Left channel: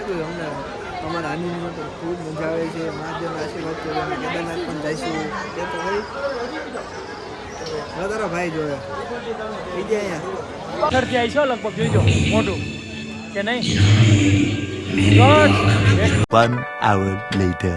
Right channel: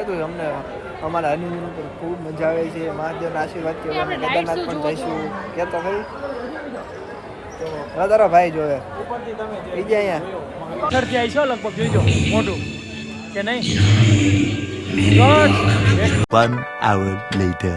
કહેતું અમને અમારા હનીમૂન ઉપર ખૂબ મજા આવે છે. મહાદેવના આશીર્વાદ કર્યો અમે કેદારનાથ પણ જઈશું. કહેતો ખરી? હવે તારો ભાઈ જોવે. થઈ ગયા અહીંયા? પથ્થરથી આવી છો લગભગ જોઈજો મોટું કે નહીં? One hour later.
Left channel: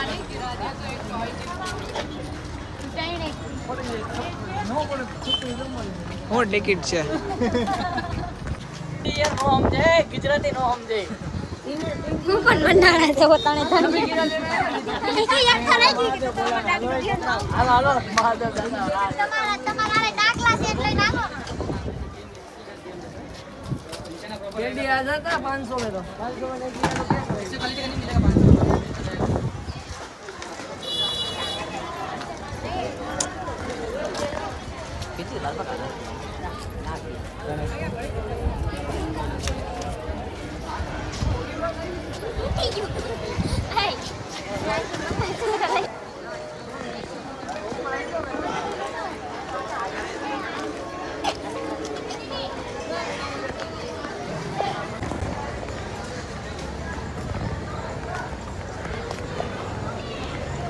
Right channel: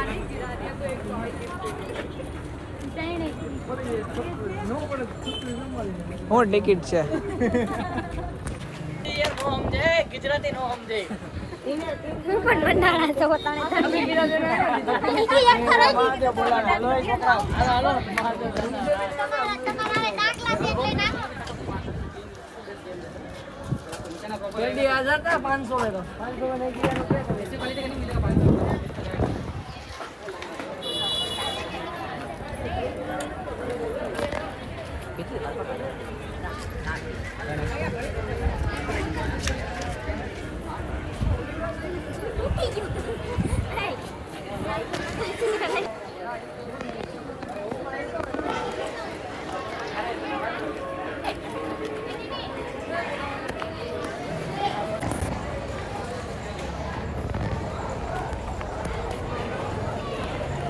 से नीचे गिराने गिरा दिया तो एक टॉय શું ટિકિટ છે હું પણ બંધાણા છે પોતાને તમે યાર ખરાઈ ગઈ તમારા તમારા દાખલા છે એટલે નાખો તૂટી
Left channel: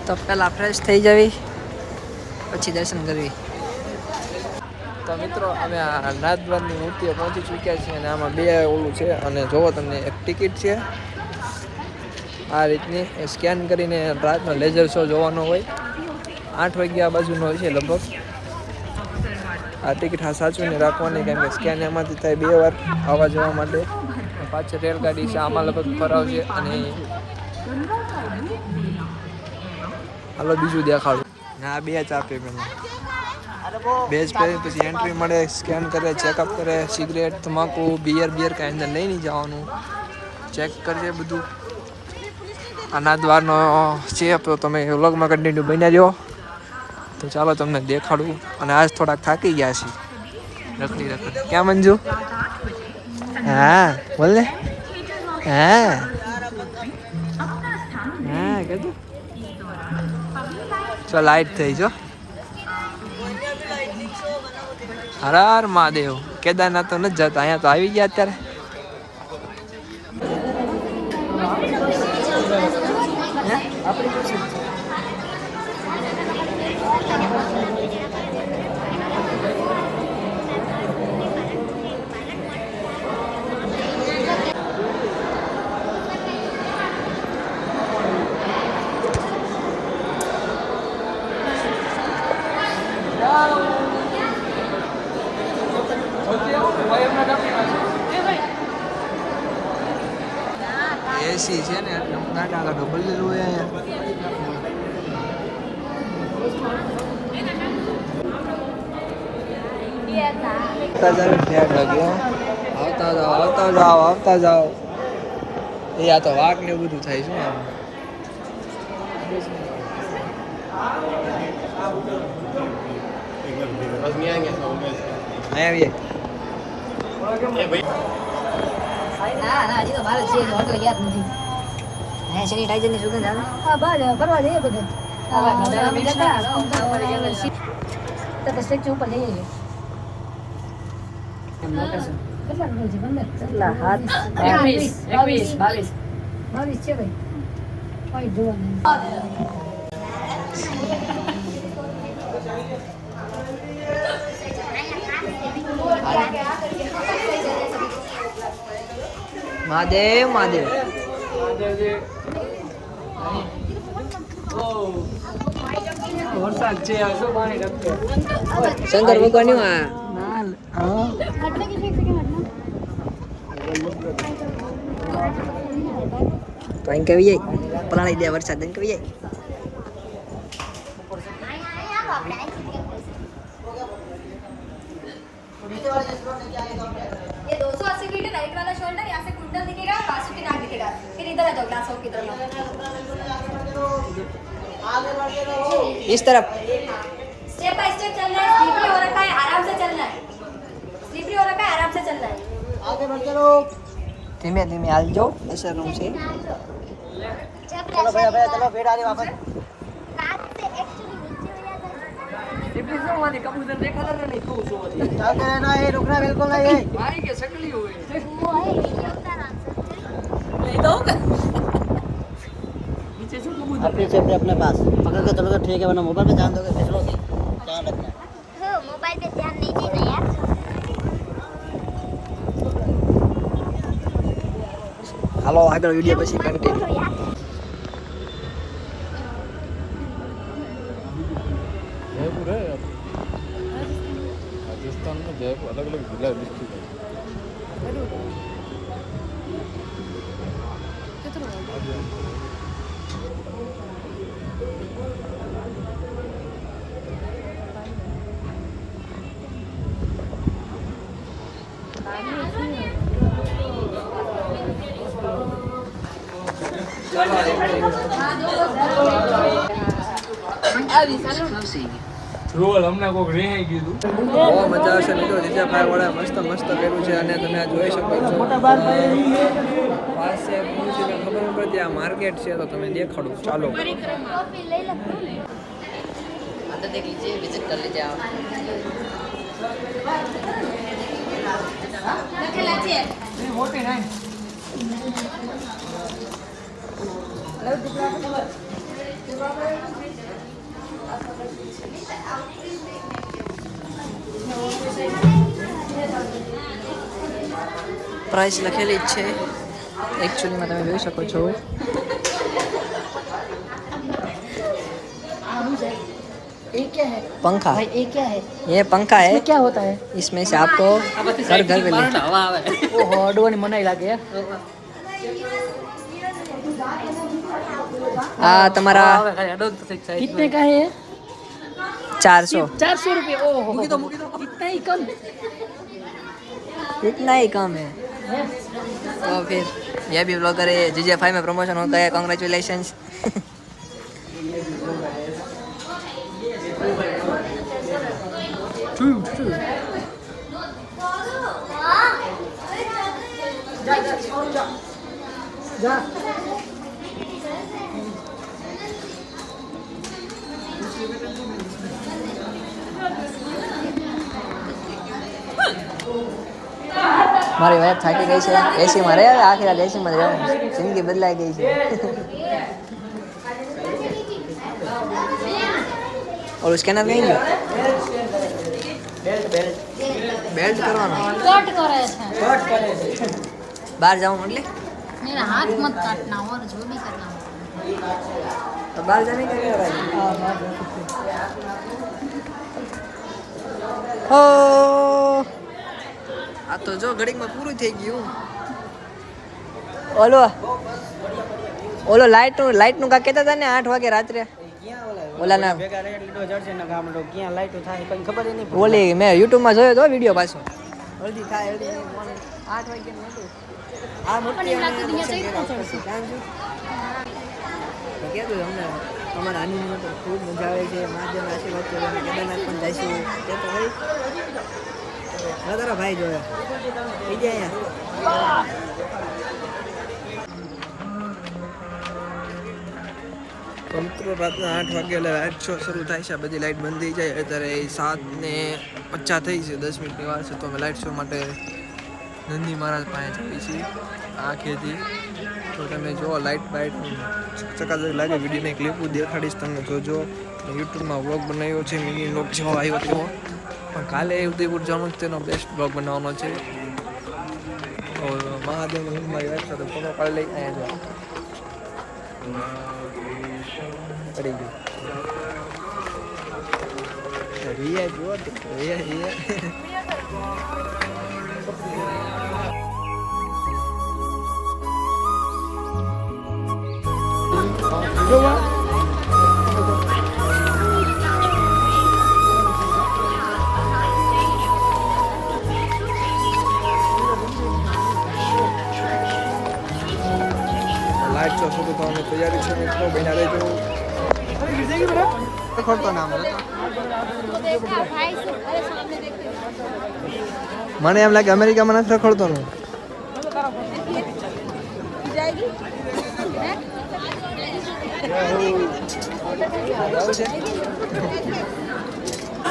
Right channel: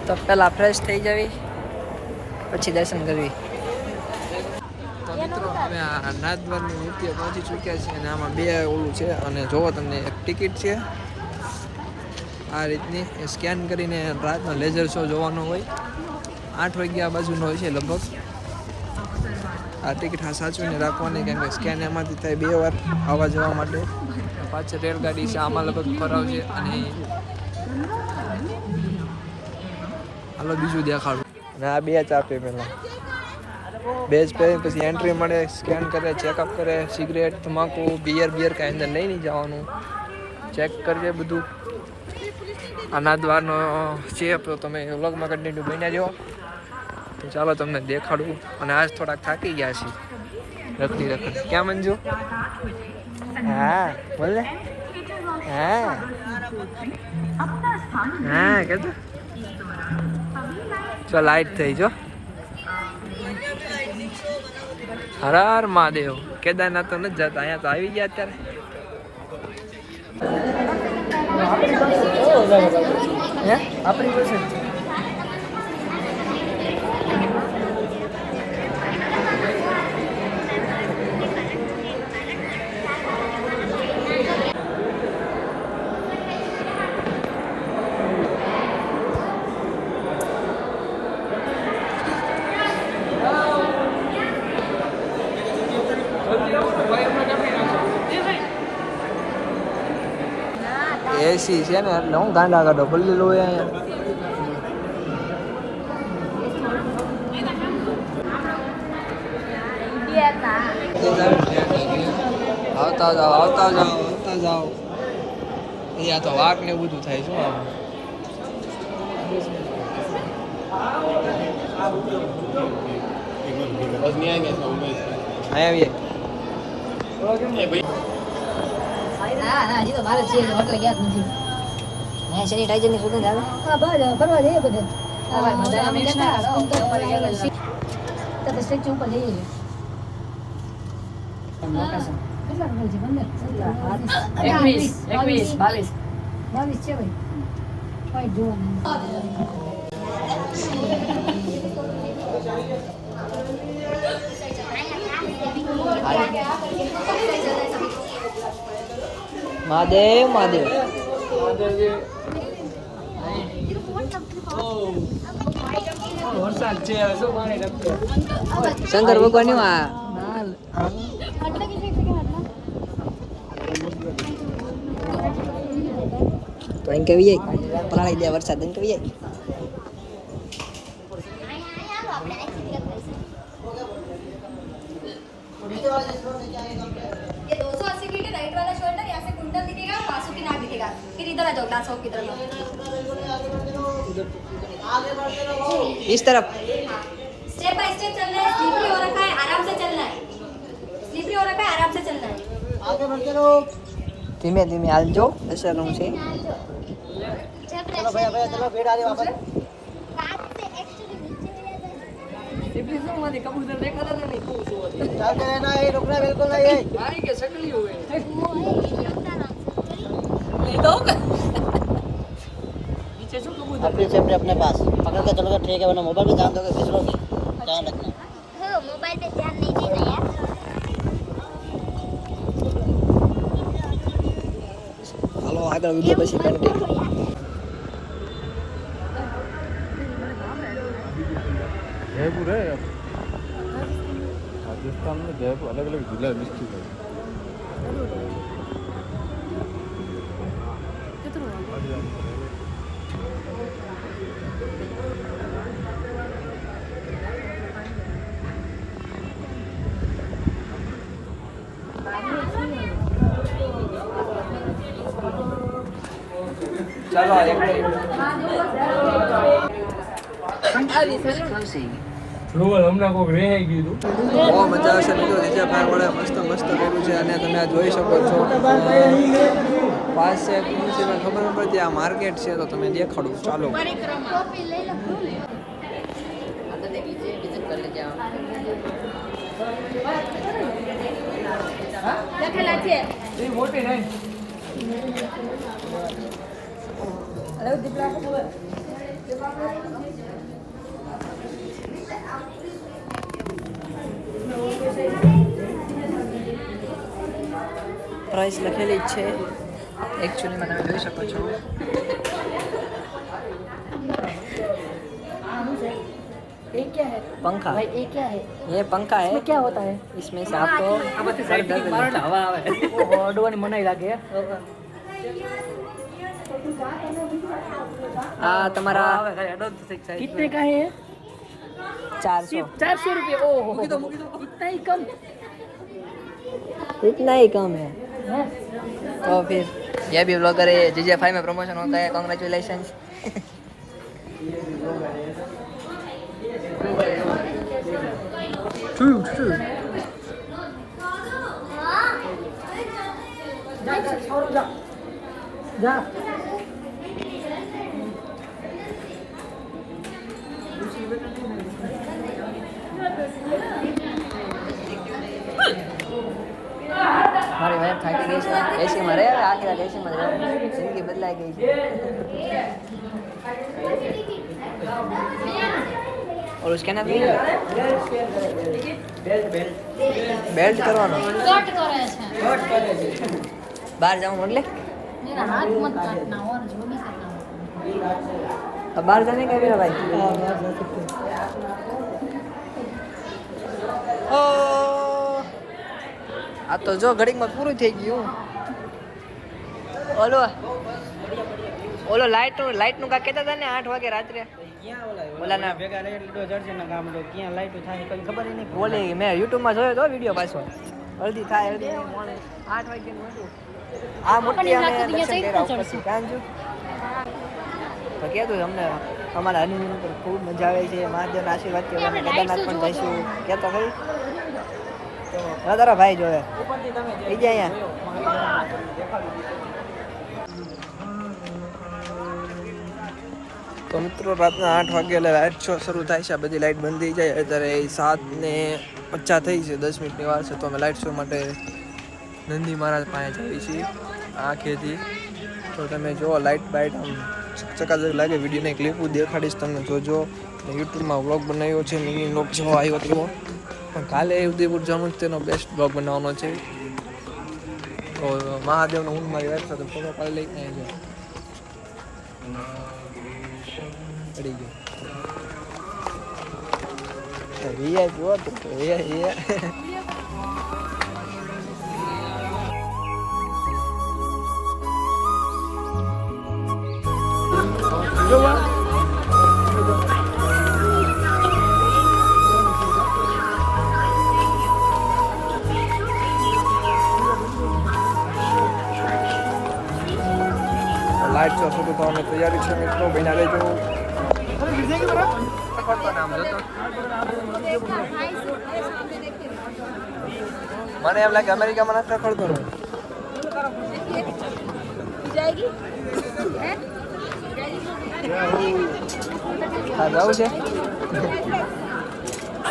તો પહેલાં ફ્રેશ થઈ જવી પછી દર્શન કરવી. તો મિત્રો અમે આ નાથદ્વારની મૂર્તિઓ પહોંચી ચૂક્યા છીએ અને આમાં બે ઓલું છે અને જોવો તમને એક ટિકિટ છે. આ રીતની એ સ્કેન કરીને રાતનો લેઝર શો જોવાનો હોય. આઠ વાગ્યા બાજુનો હોય છે લગભગ. આ ટિકિટ હા સાચવીને રાખવાની કારણ કે સ્કેન એમાંથી થાય બે વાર આવવા જવા માટે. પાછળ રેલગાડી છે આમાં લગભગ ફરાવશે અને હાલો બીજું દેખાડું. આ બે જ આપે પહેલાં જ પહેરી પછી એન્ટ્રી મળે સ્કેન કરે ચેકઅપ કરે સિગરેટ તમાકુ બિયર બિયર કાંઈ અંદર લઈ નહીં જવાનું. ચેક કરજે બધું. આના દ્વારનો છે તો તમે વ્લોગમાં કન્ટિન્યુ બન્યા રહ્યો તો ચાલો તમને દેખાડું. અને આજ થોડાક થાકી ગયા છે રખડી રખડી. ક્યાં મંજુ? હા, બોલ ને. હા. હા કીધું ચલ લાઈટ થઈ જો હર હર મહાદેવ. કેદારનાથ તો નથી જતા, અહીંયા તો આવી ગયા અત્યારે. હે? એસી છે ને એટલે હું ગાંડા કાઢો ભલે લો અહીંયા આવતા જાવ ઠેક લાગ્યો આવતા જાઓ આવતા જાઓ આવતા જાઓ એ આ તો વાઘ ને એવું બધું થાય શું આમ અહીંયા આવીએ હા હા હજી તો મારે છે જ એટલે યાદ નથી સુગંધ આવે? હા ફરવા જઈએ બધા. તો તો સ્ટેચ્યુ ઉપર જઈએ. કેટલા હોય છે બંને? કેટલા? હાથ એકવીસ એકવીસ બાવીસ. બાવીસ છે ભાઈ. જોવાનું મહાદેવ મહાદેવ. શંકર ભગવાનનું આ તો અહીં કવી જાય? પલાળી દે વરસાદ અહીં કવી જાય? ये दो सौ अस्सी फीट राइट वाला शोल्डर यहाँ से कुंडल दिखेगा और आँसू की नाक दिखेगा। फिर इधर आ जाओ ग्लास की तरफ़ इस तरफ़। स्टेप बाय स्टेप चलना है स्लीपरी हो रखा है आराम से चलना है। स्लीपरी हो रखा है आराम से चलना है। आगे बढ़ते रहो धीमे धीमे हाल जो ऐसे आराम से। चलो भैया भैया चलो फिर आगे वापस સિબલી શું માની કબૂતર દેખાતા ને નહીં શું હતી તાતે ના એ રોકડા બિલકુલ કે શકલી હોય. શું કબૂતર? पीछे अपने अपने पास पकड़ के चलोगे ठीक है वरना मोबाइल में ध्यान दोगे फिसलोगे ध्यान હાલો આગળ વીડિયો પછી કન્ટિન્યુ अलग अलग जिला डिस्ट्रिक्ट है ચાલો હમણાં કોઈક રેહાઈ ગયું હતું બહુ મજા આવશે મિત્રો જીજા ભાઈ વાળા મસ્ત મસ્ત કર્યું છે અને તમે આ જોઈ શકો છો. પાસે મ્યુઝિયમ ખબર ન પડતી આ માર્કેટ છે તો તમે દેખાડું. ચાલો. લખેલા છે મોટી નહીં પ્રાઇસ લખેલી જ છે એકચ્યુઅલીમાં તમે જોઈ શકો છો ये क्या है पंखा भाई ये क्या है ये पंखा है क्या होता है इसमें से आपको घर घर में ले અડવાની મનાઈ લાગે આ તમારા कितने का है चार सौ। चार सौ रुपये इतना ही कम? इतना ही कम है। तो फिर यह भी ब्लॉगर है जी जे फाइव में प्रमोशन होता है कॉन्ग्रेचुलेशन जा। મારી વાત થાકી ગઈ છે એસીમાં રહે આખી રાત એસીમાં જ રહેવાનું જિંદગી બદલાઈ ગઈ છે ઓલું સ્કેનર નહીં બેલ્ટ કરવાનો બહાર જવાનું એટલે હાથ મત કાટના ઓર જો બી કરના બહાર જાને ભાઈ આ તો જો ઘડીકમાં પૂરું થઈ ગયું. ઓલો ઓલો લાઈટનું લાઈટનું કા કહેતા હતા ને આઠ વાગે રાત્રે? ઓલી મેં યુટ્યુબમાં જોયો તો વીડિયો પાછો. અડધી થાય આ મોટી અમે દર્શન કર્યા ઉપરથી. તો કહેતું અમને? અમારા હનીમૂન ખૂબ મજા છે. મહાદેવના આશીર્વાદ અમે કેદારનાથ પણ જઈશું. કહેતો ખરી? હવે તારા ભાઈ જોયો થઈ જાય અહીંયા. તો મિત્રો, રાતના આઠ વાગે એટલે લાઇટ શો શરૂ થાય છે. બધી લાઇટ બંધ થઈ જાય. અત્યારે સાત ને પચાસ થઈ છે, દસ મિનિટની વાર છે. તો અમે લાઇટ શો માટે નંદી મહારાજ પાસે જઈએ છીએ, આંખેથી. તો તમે જો લાઇટ બાઇટ આમ ચકાચક લાગે. વિડીયોની ક્લિપ દેખાડીશ તમને જોજો. યુટ્યુબમાં વ્લોગ બનાવ્યો છે, મિની વ્લોગ જેવો આવ્યો તેવો પણ કાલે ઉદયપુર જવાનું તેનો બેસ્ટ બ્લોગ બનાવવાનો છે. તો મહાદેવનો હું મારી વાઈફ સાથે ફોટો પાડી લઈ અહીંયા જો પડી ગયો. રિયા, જુઓ રિયા રિયા. શરૂ થવાની તૈયારી છે મિત્રો બન્યા રહેજો મને એમ લાગે અમેરિકામાં નથી રખડતો હું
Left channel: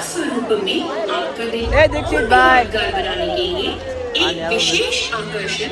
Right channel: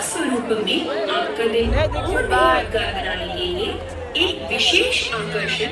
स्वरूप में आपका दिन ए दीक्षित भाई यादगार बनाने के लिए एक विशेष आकर्षण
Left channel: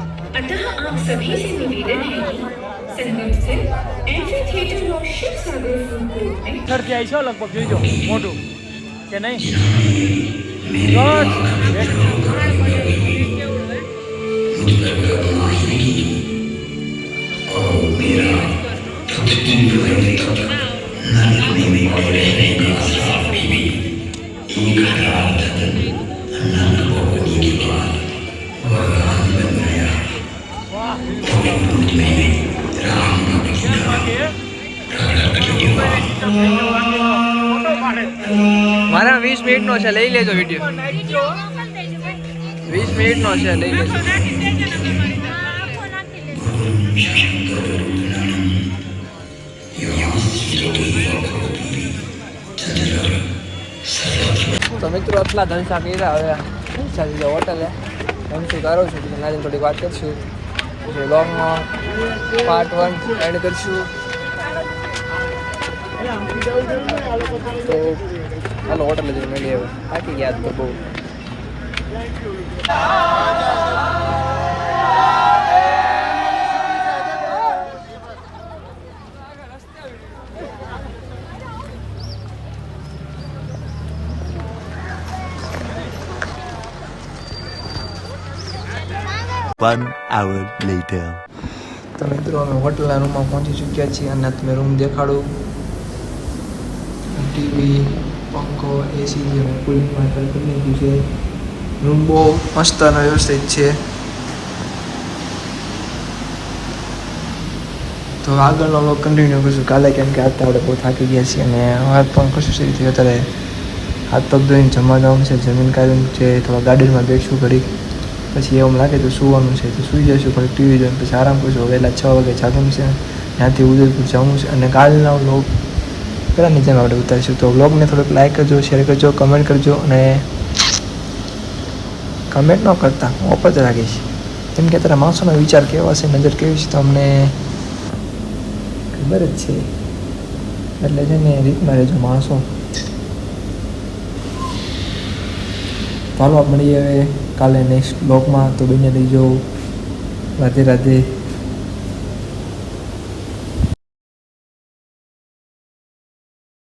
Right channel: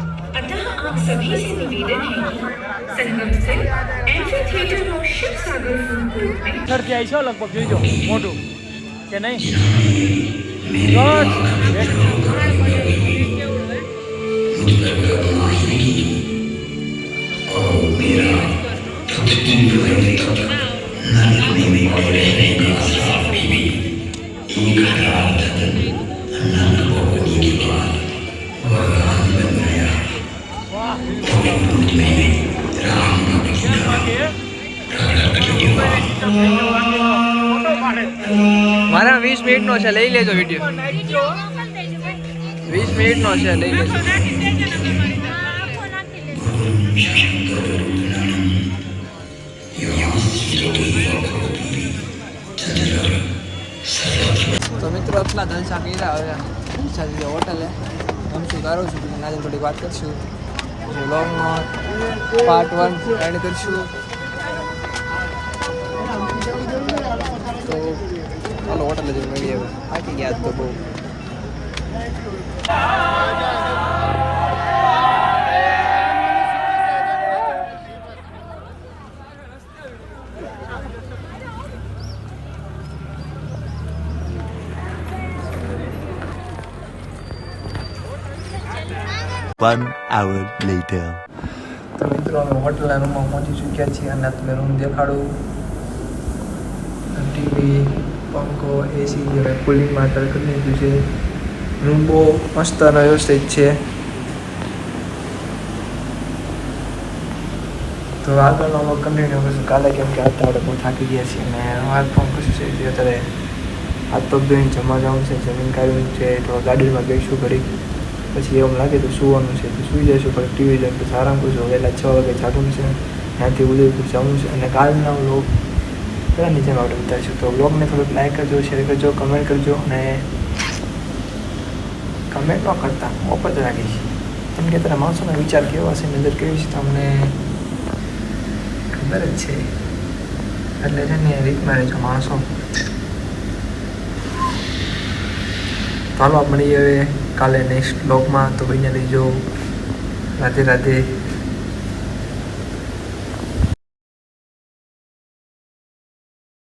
अतः आप सभी से निवेदन है कि संगम स्थित एम्फी थिएटर और शिव सागर फूड ग्रुप में સરથી આવી છો લગભગ જોઈજો મોટું કે નહીં મારા વીસ મિનિટનો છે, લઈ લેજો વીડિયો. વીસ મિનિટનો છે, લઈ લેજો. તો મિત્રો, આટલા ધનસા કર્યા, હવે ધનસા જઈએ હોટલે. ધનસું કરો છું પછી નાની થોડીક વાત કરશું. પછી લોંગનો પાર્ટ વન એન્ડ કરશું. તો ચાલો હોટલ જઈને મળી હવે થાકી ગયા તો બહુ One hour later. તો મિત્રો અમે હોટલના રૂમમાં પહોંચી ચૂક્યા છીએ અને તમે રૂમ દેખાડું. ટીવી પંખો એસી અને કુલિંગ માટે કરી દીધું છે. રૂમ બહુ મસ્ત અને વ્યવસ્થિત છે. તો આગળનો કન્ટિન્યુ કરીશું કાલે કેમ કે આજે આપણે બહુ થાકી ગયા છીએ અને હાથ પણ ખુશી થઈ ગઈ અત્યારે. હાથ પગ ધોઈને જમવા જવાનું છે, જમીન કાઢવાનું છે તો ગાડીમાં બેસું ઘડી પછી એવું લાગે તો સુવાનું છે, તો સૂઈ જઈશું, પછી ટીવી જોઈને પછી આરામ કરશું. વહેલા છ વાગે ચાલુ છે. ત્યાંથી ઉદયપુર જવું છે અને કાલના વ્લોગ પહેલાંની નીચે આપણે ઉતારીશું. તો વ્લોગને થોડોક લાઈક કરજો શેર કરજો કમેન્ટ કરજો અને કમેન્ટ ન કરતા ઓપ જ રાખીશ. કેમ કે અત્યારે માણસોનો વિચાર કેવો હશે, નજર કેવી છે તો અમને ખબર જ છે. એટલે છે ને રીતના રહેજો માણસો. ચાલો મળીએ હવે કાલે નેક્સ્ટ બ્લોગમાં તો બન્યા રહીજો. રાધે રાધે.